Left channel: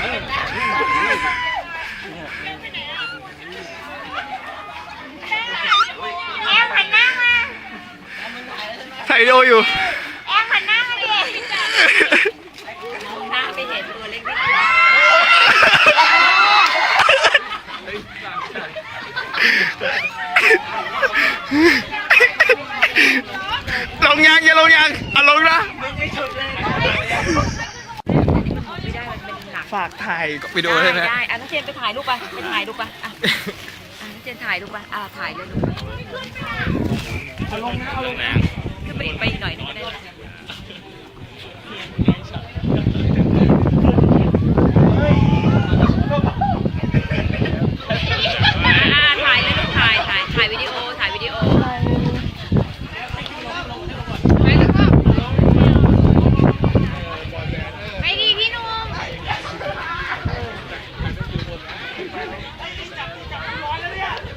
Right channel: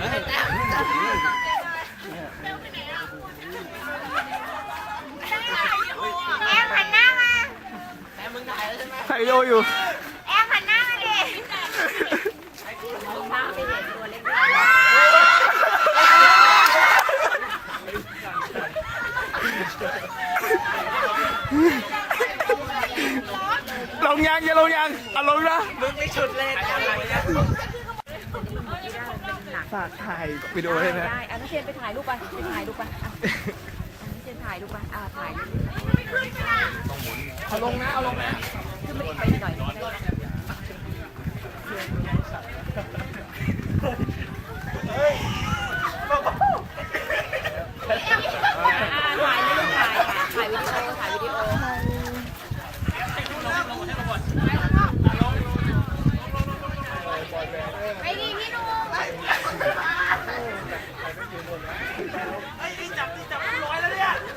แอมหันหน้ามา ถ่ายวิดีโออยู่ แอมหันหน้ามาดิหน้าไปเห็นตัวเล็กนิดลงยังอย่าลงยังอะลงนะ ฝากถ่ายวิดีโอได้ไหมได้อะน้องเจนไปถ่ายรูปไปไปถ่ายรูปไปอะอะน้องเจนถ่ายรูปไปอะถ่ายเลยลูกเอาลงนะเอาลงนะขึ้นไปอีกไปอีกหน่อยหนึงก็ได้นะ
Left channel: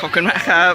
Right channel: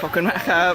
ขอบคุณมากครับ